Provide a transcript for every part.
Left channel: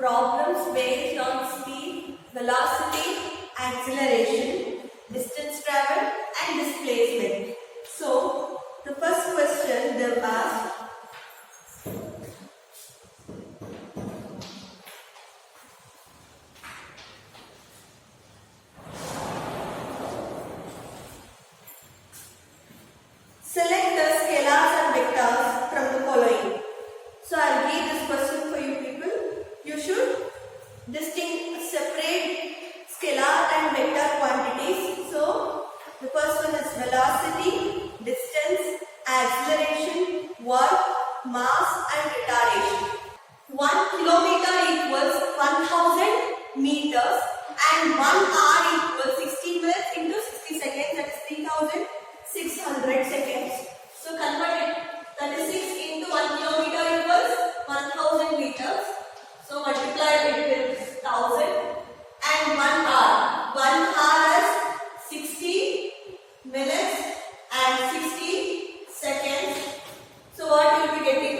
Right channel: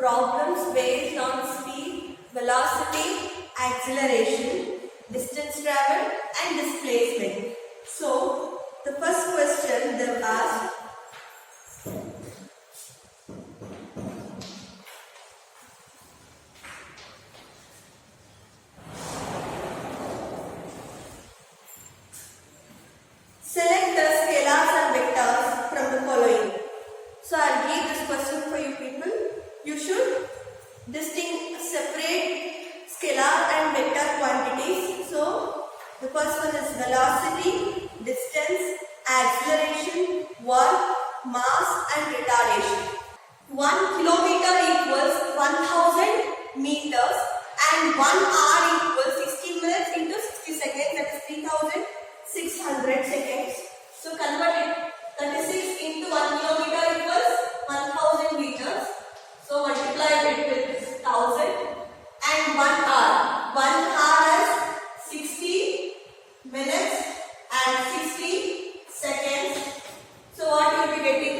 problems based on speed, velocity, acceleration, distance traveled and displacement. So, the first question they have asked, select the scalars and vectors from the following. So I'll read this question for you people. You should separate scalar and vector quantities. So the first one is velocity, distance, acceleration, work, mass and retardation. 1 kilometer equals 1000 meters and 1 hour equals 60 minutes into 60 seconds, that is 3600 seconds. So convert it. 36 into 1 kilometer equals 1000 meters. So multiply it with 1000 and 1 hour. 1 hour is 60 minutes and 60 seconds. So what you will be getting?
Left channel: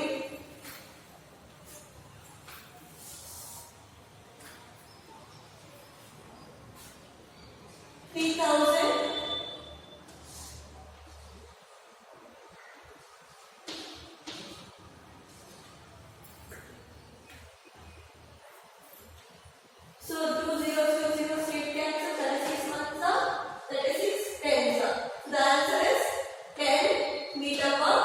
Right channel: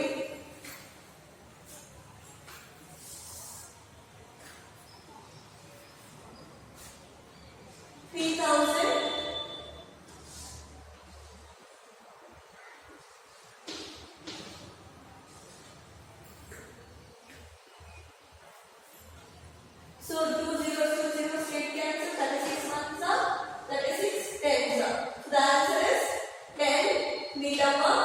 So 2 0 0 straight cancel, that is 6 months up, that is 6 tens up. So the answer is 10 meter per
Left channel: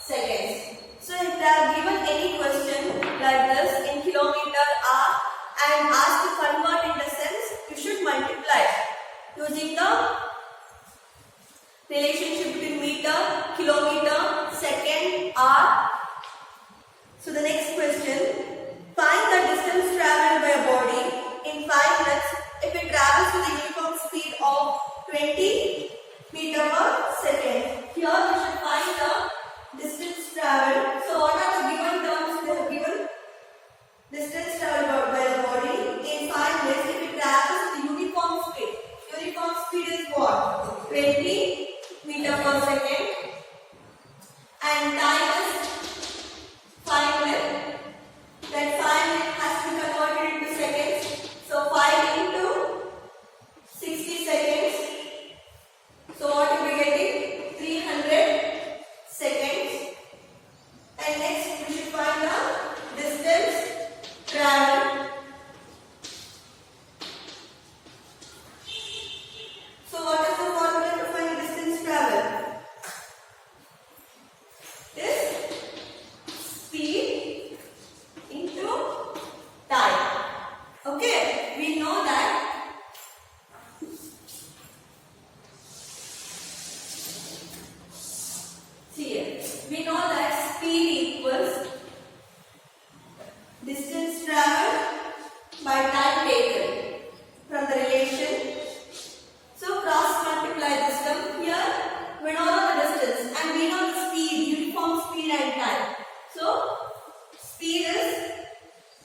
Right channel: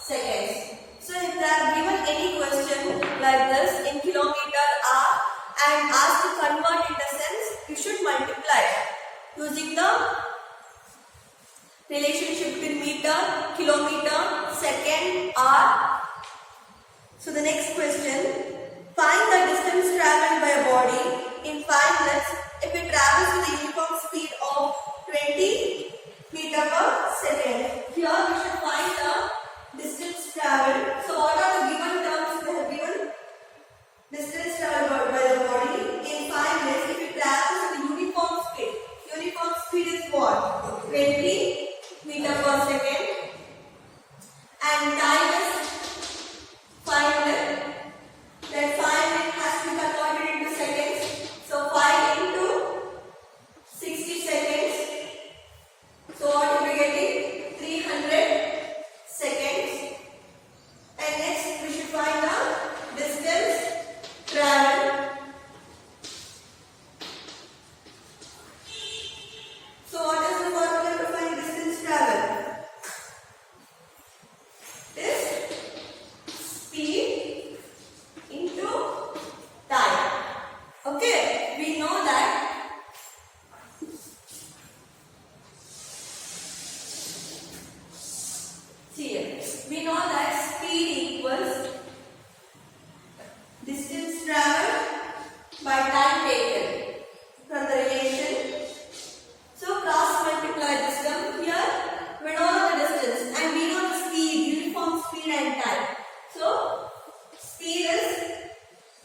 seconds. So if they are given any question like this in kilometer hour and asked to convert in the cents, you should multiply using the relationship between meter, kilometer, second, hour. So the next question, find the distance travelled by a body in 5 minutes if it travels with a uniform speed of 20 meter per second. Here we should find the distance travelled. So what are the given terms they have given? Distance travelled by the body in 5 minutes if it travels with a uniform speed. Uniform speed is what? 20 meter per second. And time is 5 minutes. That 5 minutes has to be converted into seconds. So 5 into 60 seconds. So what will be getting? 300 seconds. And next we should find the distance traveled. So what is the formula to find distance traveled? This speed into time. Okay, we know that here we know that speed equals distance traveled by time taken from the relation. So cross multiply this term. Here we know the distance and we know the speed, uniform speed and time. So speed is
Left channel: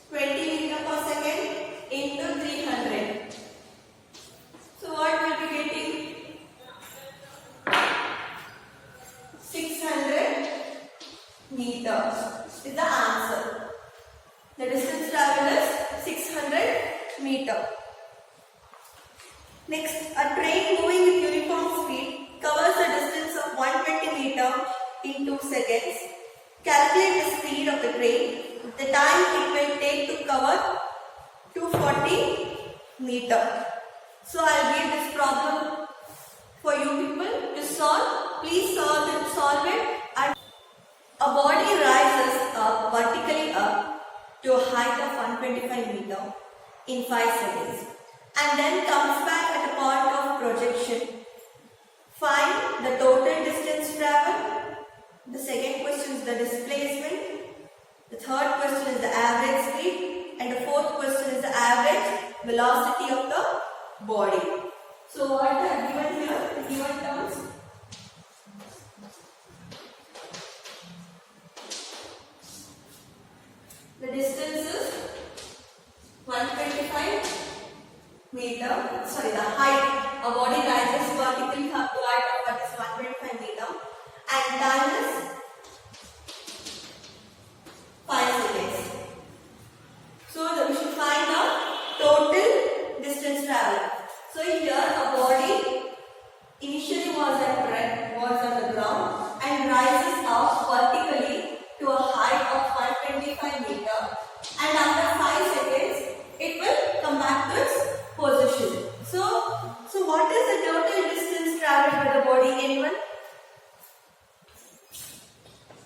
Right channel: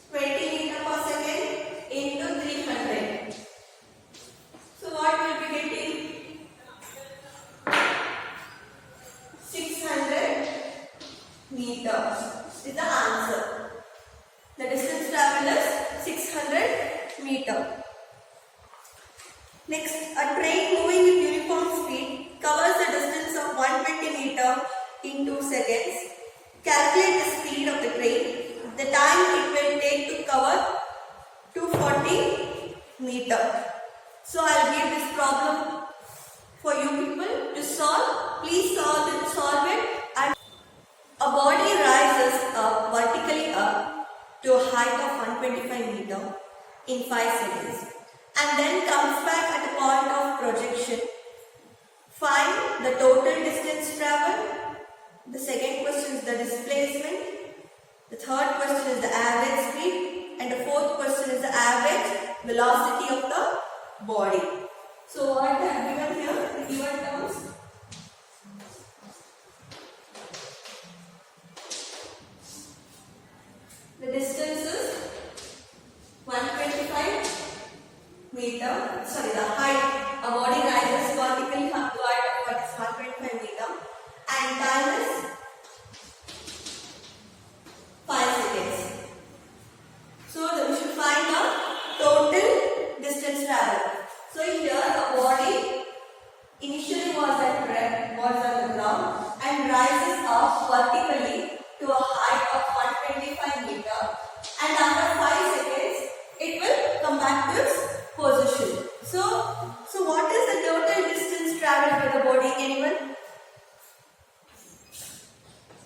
20 meter per second into 300. So what will be getting? 600 meters is the answer. The distance travelled is 600 meters. Next, a train moving with uniform speed covers the distance of 120 meters in 2 seconds. Calculate the speed of the train, the time it will take to cover 240 meters. So I will give this problem for you people to solve. Please solve it. And a body rises up vertically up to a height of 125 meters in 5 seconds and then comes back at a point of projection. Find the total distance travelled. The second question is the displacement. The third question is the average speed. And the fourth question is the average velocity of the body. So what I have given here, the given terms. The distance is 125 meter. Sorry, the height. A body rises vertically up to height of what is 125 meter. And time is 5 seconds. So we should and after 5 seconds it will come back to its position. So what is the total distance traveled by the body? Anyone?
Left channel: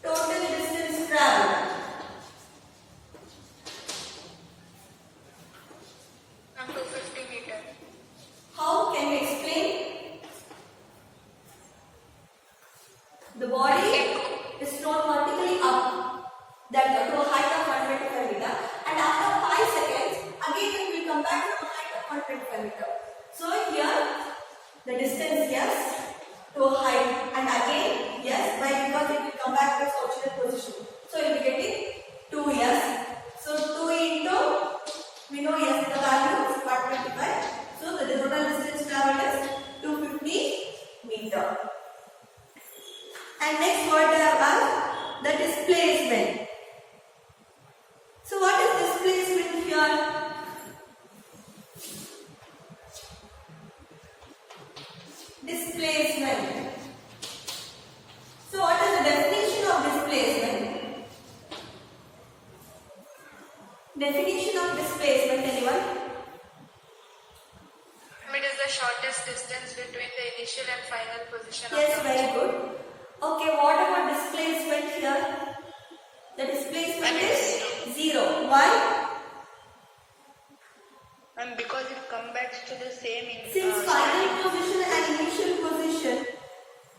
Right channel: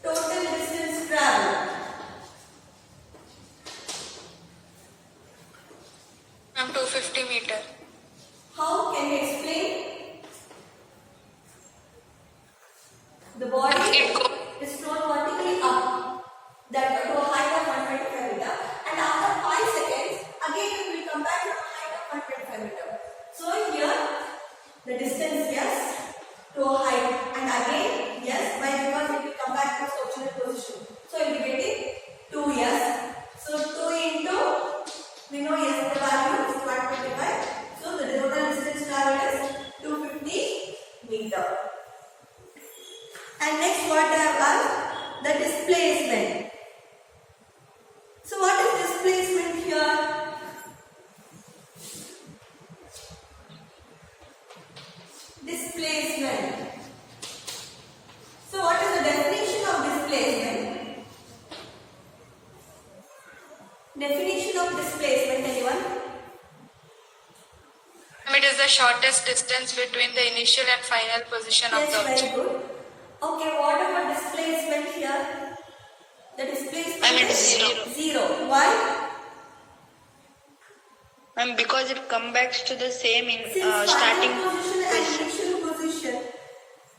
Total distance traveled. 250 meter. How can we explain? The body is thrown vertically up, that to a height of 125 meter, and after 5 seconds, again it will come back to a height of 125 meter. So here, the distance yes to a height, and again yes, why? Because it will come back to its original position. So it will be getting 2 yes. So 2 into, we know yes, the value is 125. So the total distance traveled is 250 meter. And next what they have asked, the displacement. So what is displacement here? Displacement. So what is the definition of displacement? Definition of displacement, anyone? It is the shortest distance between the initial and final position of Yes, the very object. good. Okay, what about displacement here? The displacement is zero. Why? And because it comes back to the same in Since starting. final position and initial position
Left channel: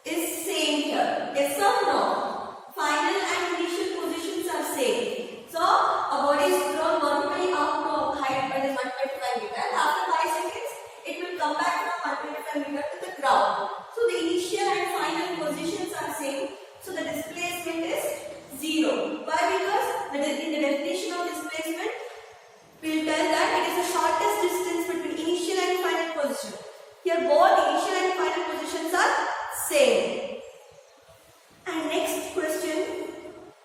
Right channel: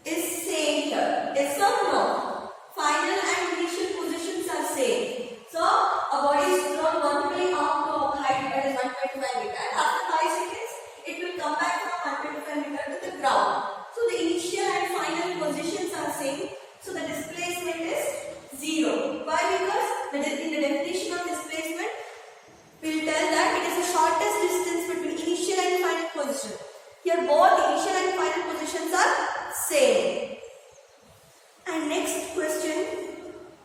is same here. Yes or no? Final and initial positions are same. So a body is thrown vertically up to a height that is 125 meter. And after 5 seconds, it will come back from 125 meter to the ground. So the initial and final positions are same. So the displacement is zero. Why? Because in the definition of displacement, we will tell that it is the shortest distance between initial and final position. Here both initial and final positions are same. And next question,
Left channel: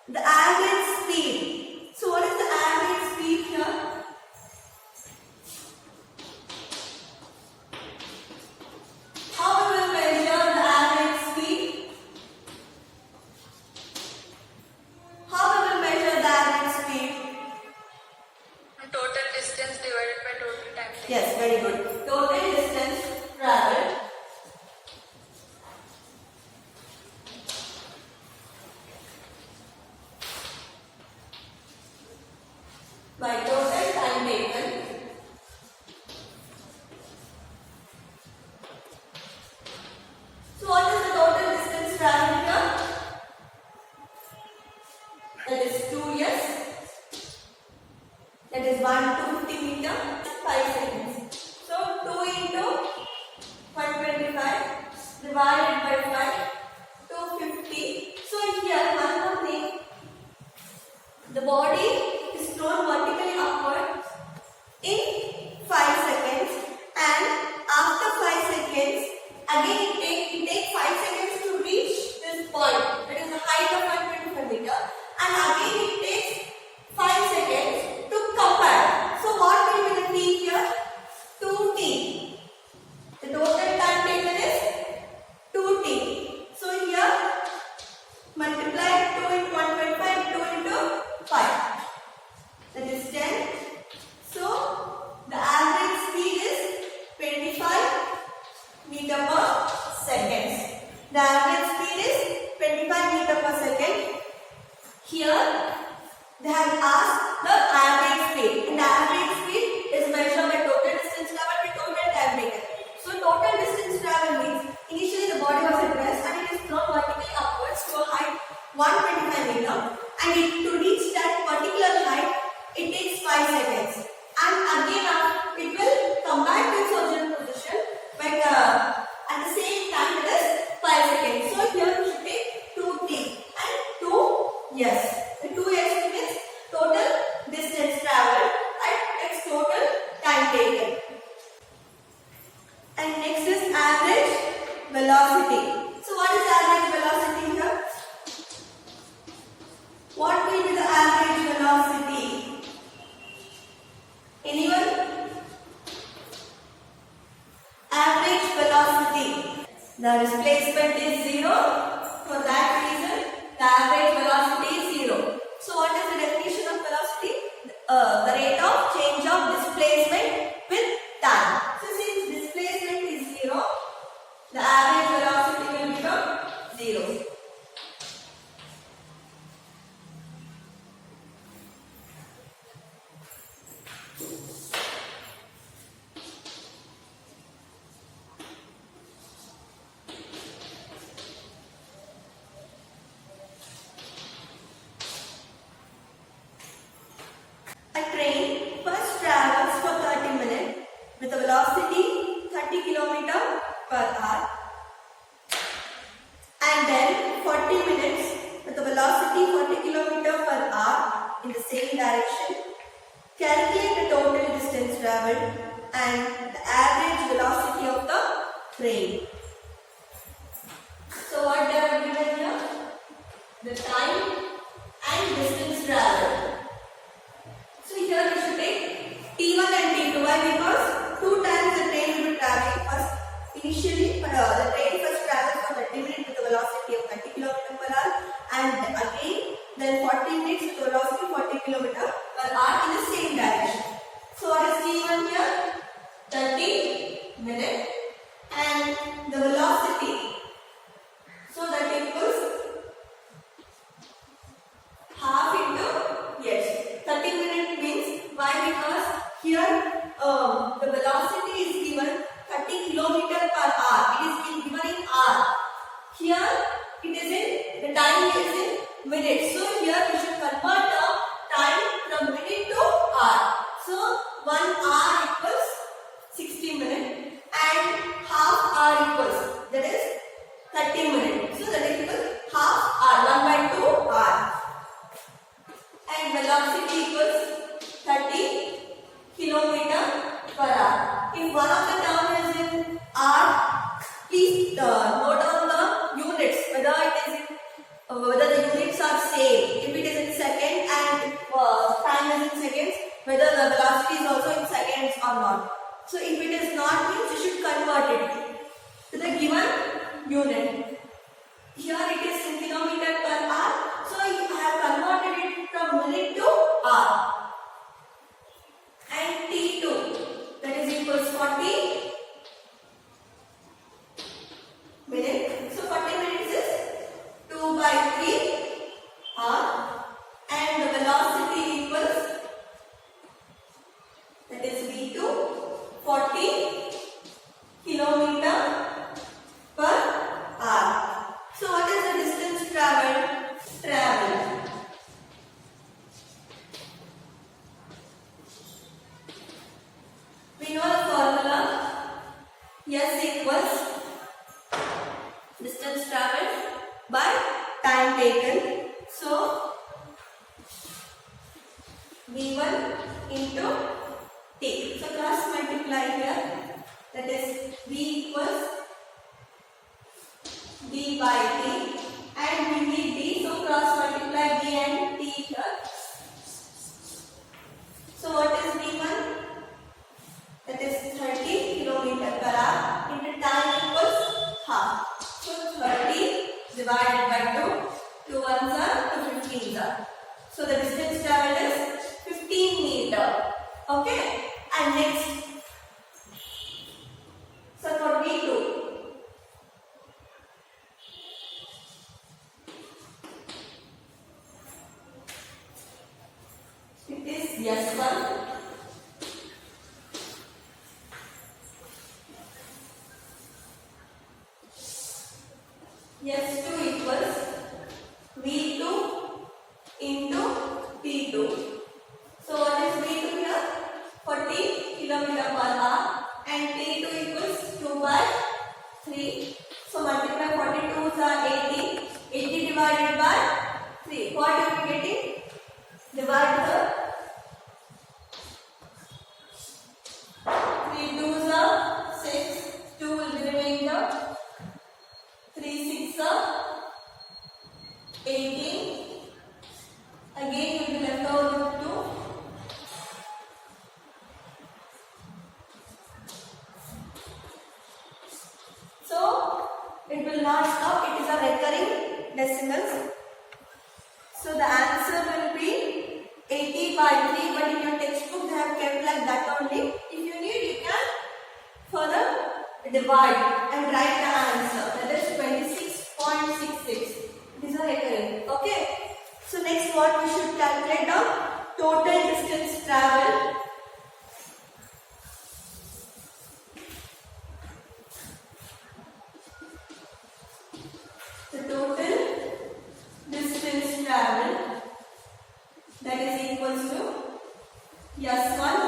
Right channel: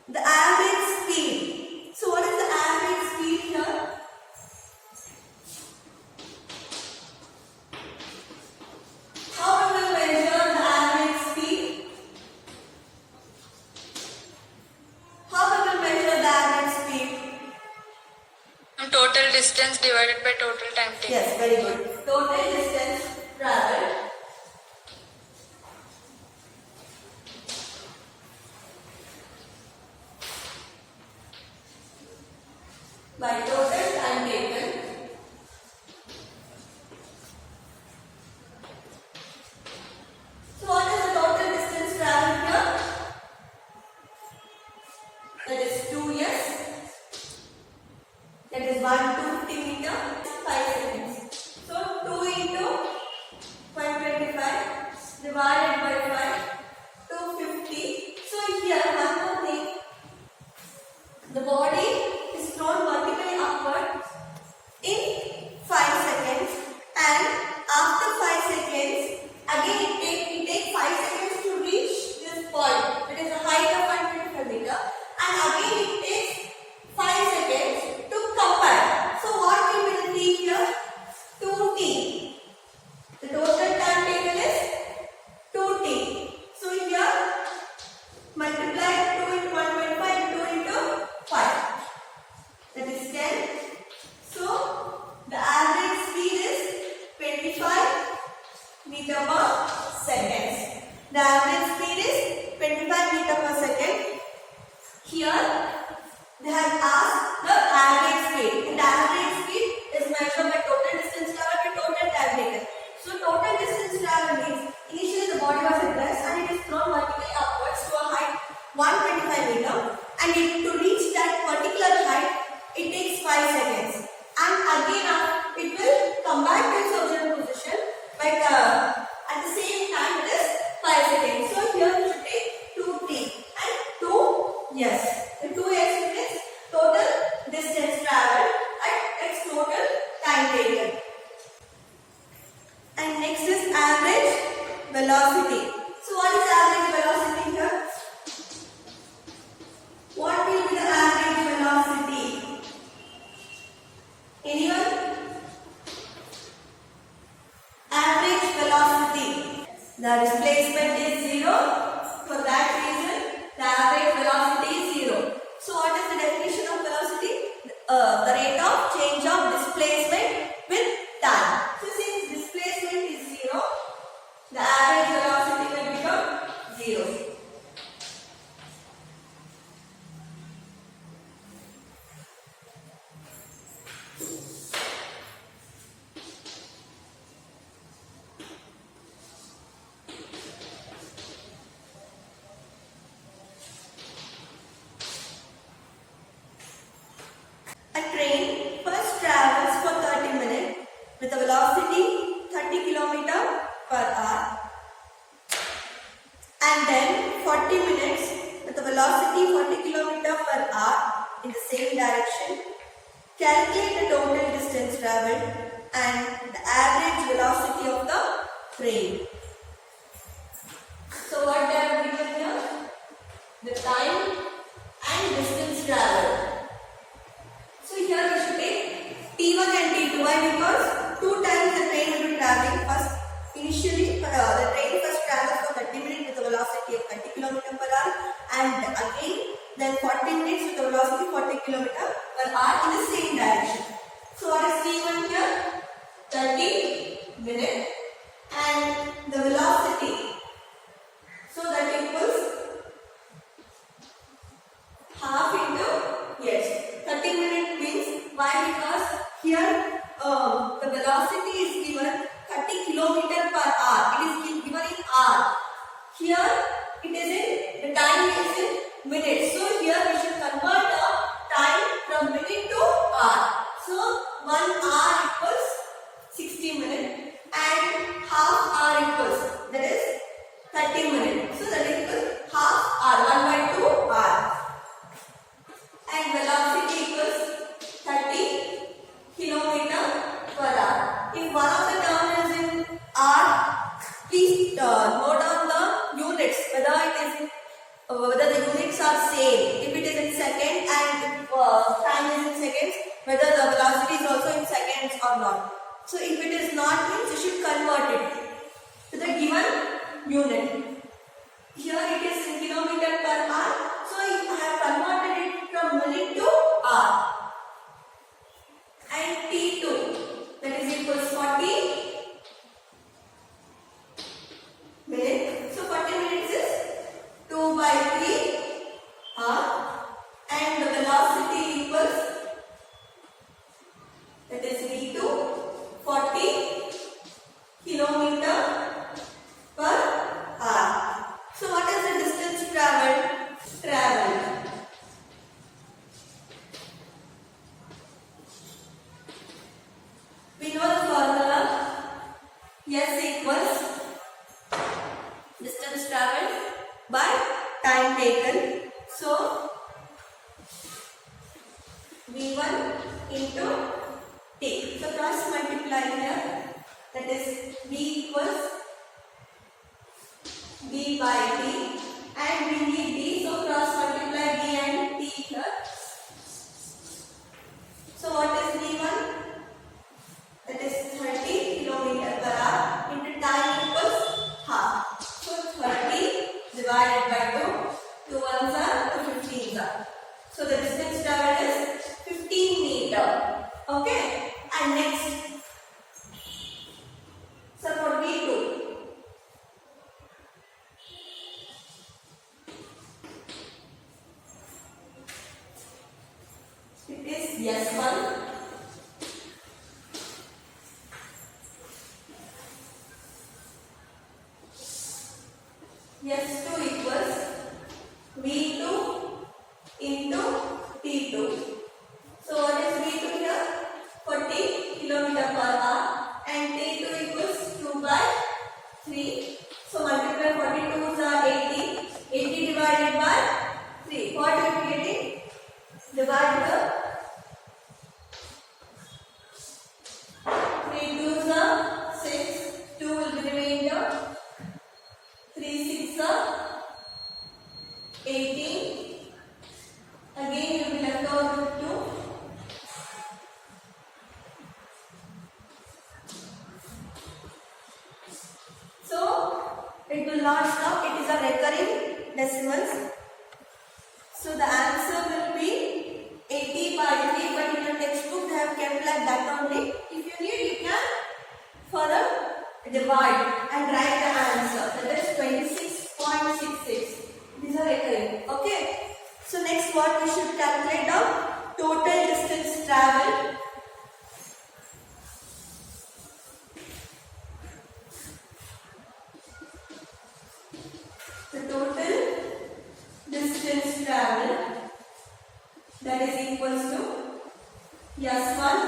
the average speed. So what is the average speed here? How we will measure the average speed? How we will measure the average speed? Total distance divided by total time taken. Yes, very good. Total distance traveled by total time taken So what is the total distance traveled here? That is 2 years. That is 250 meter, 5 seconds. So 2 into 125 divided by 5, 250. So here one more thing. The body is thrown vertically upward in 5 seconds, and after 5 seconds, again it takes 5 seconds to reach this point. It is a height of 125 meter, and again it takes 5 seconds to come back. So what will be the t here? 2t. The total time taken is 2t. So here multiply 2 into 125, 2 into 5. That is 10. So the average speed is 25 meter per second. The average speed is 25 meter per second. Here they have asked the average speed, and the average speed is measured by total distance traveled by total time taken. So total distance traveled means initially the body was at rest and it is thrown vertically upwards to a height 125 meter, and to reach that particular height it takes 5 seconds, and again it will come back to its original position, but at the same time it is 5 seconds. So here we should take 2t and 2 yes. The 2 yes means total distance traveled at its total time taken. And next is average velocity. So what is average velocity here? What will be the average velocity? Anyone? Average velocity. The displacement is 0. For that reason, the average velocity is 0. So what is the definition of velocity? the rate of change of displacement with time. So since displacement is 0, the average velocity will become 0. A train first travels for 30 minutes with a velocity 30 km per hour and then 40 minutes with a velocity 40 km per hour in the same direction. Calculate the total distance travelled and the average velocity of the train. So what they have given here? The time and distance travelled. So here we should take T1 and T2. Why? Because 2 times the train will be traveling. First, initially the train first travels for 30 minutes with a velocity of 30 km per hour and again then 40 minutes with a velocity 40 km per hour in the same direction. So what is T1 here? 30 minutes and the velocity. So that equals half into, yes, 30 minutes means, why? Because here the velocity is given 30 km per hour. It is given in hour. Here it is in, the time is in minutes. So here we should convert the time from minute to hour. So 1 hour equals 60 minutes and half hour equals, that is 30 minutes. So that is equals half hour, 1/2 hour. And velocity equals 30 km per hour. If one of the term is in hour, please note down the units, whether it is in whether the units are same. If it is in second and if time is in seconds, whether the velocity is also in seconds or not. So if it is not, means you should convert it to the given unit. Here it is in kilometer per hour. So I have converted it from minute to hour. And T2, that is equals 40 minutes. So 40 minutes is 2/3 hour and the velocity equals, that is V2, 40 km per hour. So what is the distance travelled? We know the formula. S equals distance travelled by time taken. So V1 into T. So cross multiply here. That is V equals D by T and we need D. So cross multiply B and T here. So what is V1? That is 30 km per hour into time equals half. So 30 divided by 2. 2 ones are 2 15s are. So the distance travelled is 15 meter. Okay. And next, so for V2, it is S1. S2 equals V2 into T2. So what is V2 here? 40 km per hour and T2 equals 2/3. So multiply 42 is 80. 80 divided by 3. What you will be getting? Divide the 3 2s are 6. 2 will be remainder. 3 6 are 18. Again you will be left over with 2. So it will not stop. It is a recurring decimals. So the answer will be 80/3, but it have kept like that only. If you need, you can further divide and write the answer. That is 26.66. These are recurring. Okay. So next what we should calculate the total distance traveled. The total distance traveled, that is equals to S1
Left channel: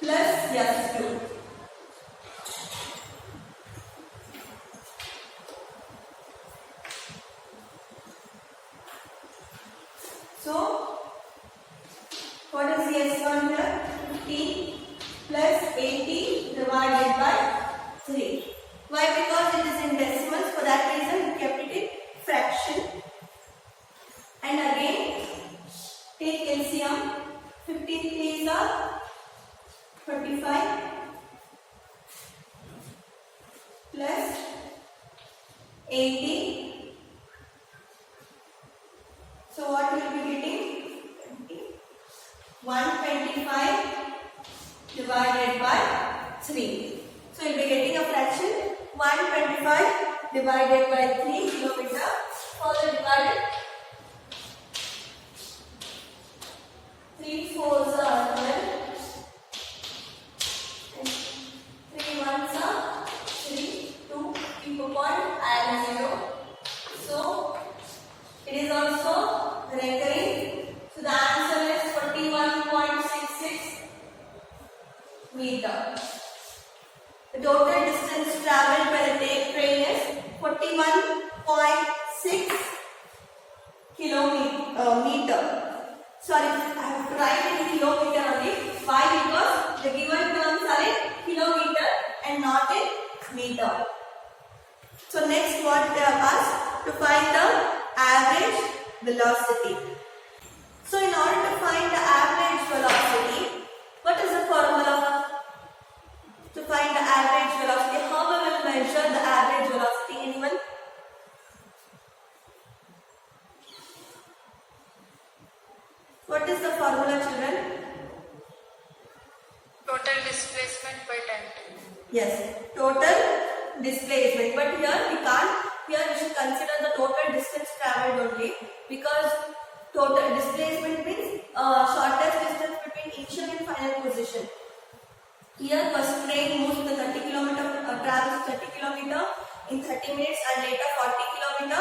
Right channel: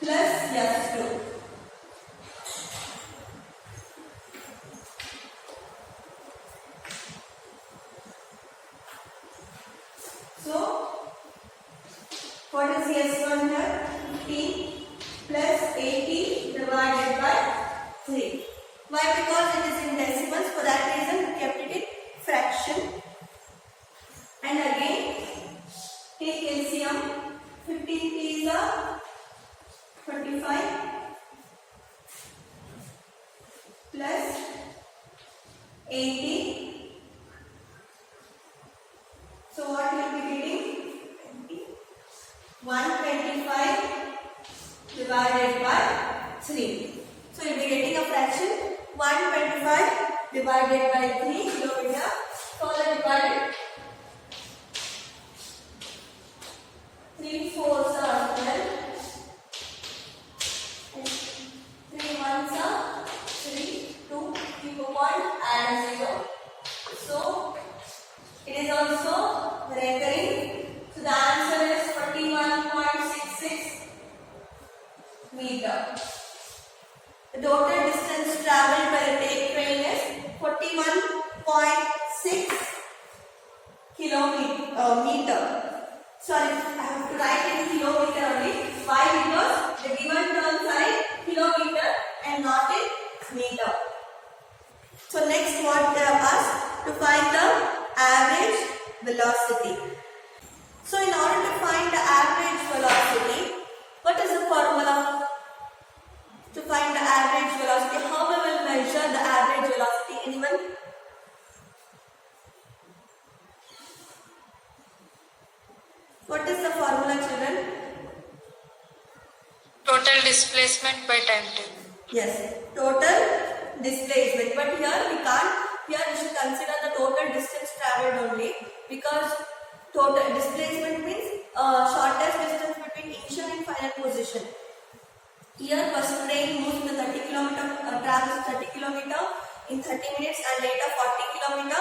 plus S2. So, what is the S1 here? 15 plus 80 divided by 3. Why? Because it is in decimals. For that reason, we kept it in fraction. And again, take LCM. 15 3s are 25 plus 80. So what will be getting? 125 divided by 3. So you will be getting a fraction 125 divided by 3 kilometer. Further divided. 3 4s are 12 and 3 1s are 3. 2 keep a point, add 0. So it is also recurring. So the answer is 41.66 meter. The total distance travelled by the train is 41.6 meter. Sorry, I have to write in kilometer only. Why? Because the given terms are in kilometer and not in meter. So next what they are asked to find the average velocity. So in order to find the average velocity, what is the formula? To find the average velocity, how we will measure the average velocity? Anyone? What is the formula, children? Total displacement by time taken. Yes, total displacement. But here we can't. Here we should consider the total distance travelled only, because total displacement means shortest distance between initial and final position. Here first train moves the 30 km, travels 30 km in 30 minutes and later 40 km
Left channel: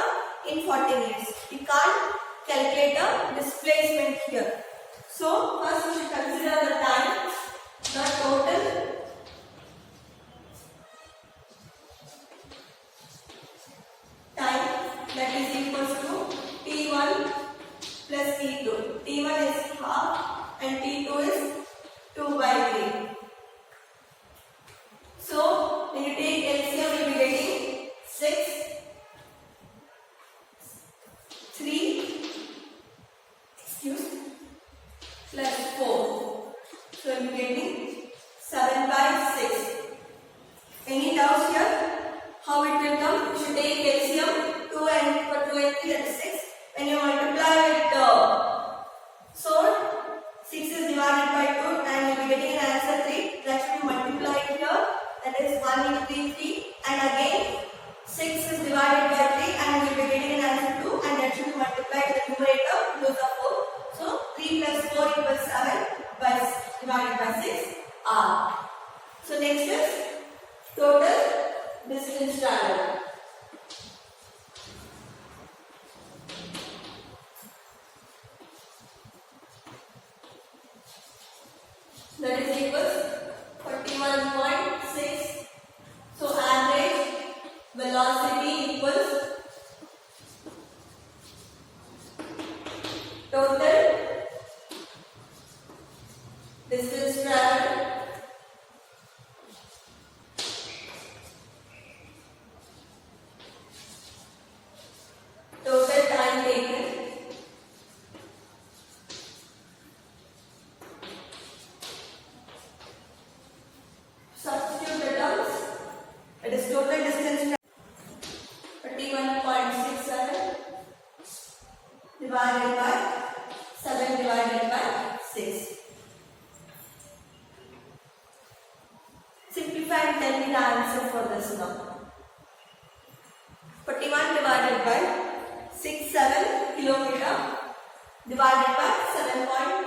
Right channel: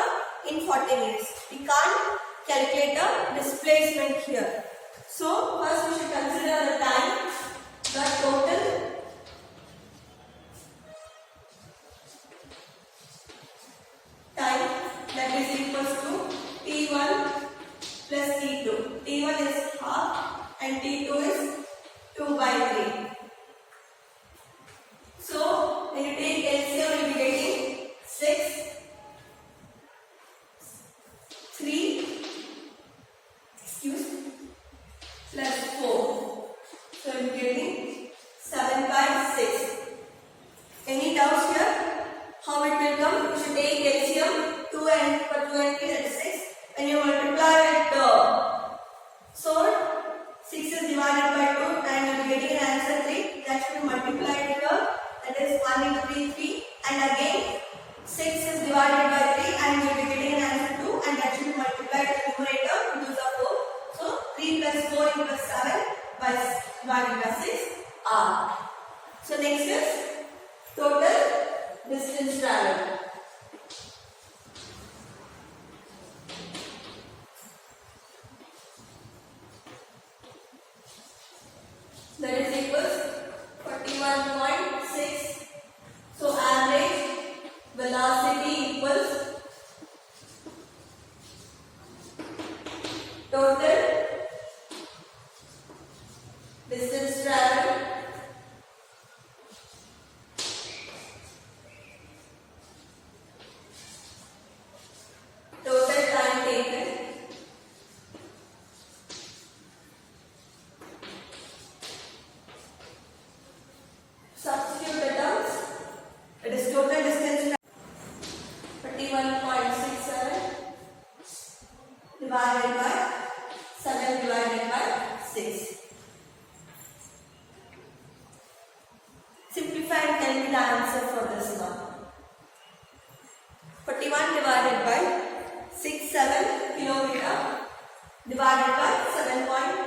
in 40 minutes. We can't calculate the displacement here. So first we should consider the time, the total time, that is equals to T1 plus T2. T1 is half and T2 is 2 by 3. So when you take LCM, you will be getting 6, 3, plus 4. So you will be getting 7 by 6. Any doubts here? How it will come? You should take LCM 2 and for 2 and 3, that is 6. When you multiply with so 6 is divided by 2 and you will be getting an answer 3. That should be multiplied here. That is 1 into 3, 3. And again 6 is divided by 3 and you will be getting an answer 2. And that should be multiplied with the numerator. Those are 4. So 3 plus 4 equals 7 by divided by 6 r. So next is total distance traveled. That is equals 41.6. So average velocity equals total distance traveled total time taken substitute the terms. It is total distance 31.67 divided by 7 divided by 6. me the answer for this now. 41 divided by 67 kilometer divided by 7.2.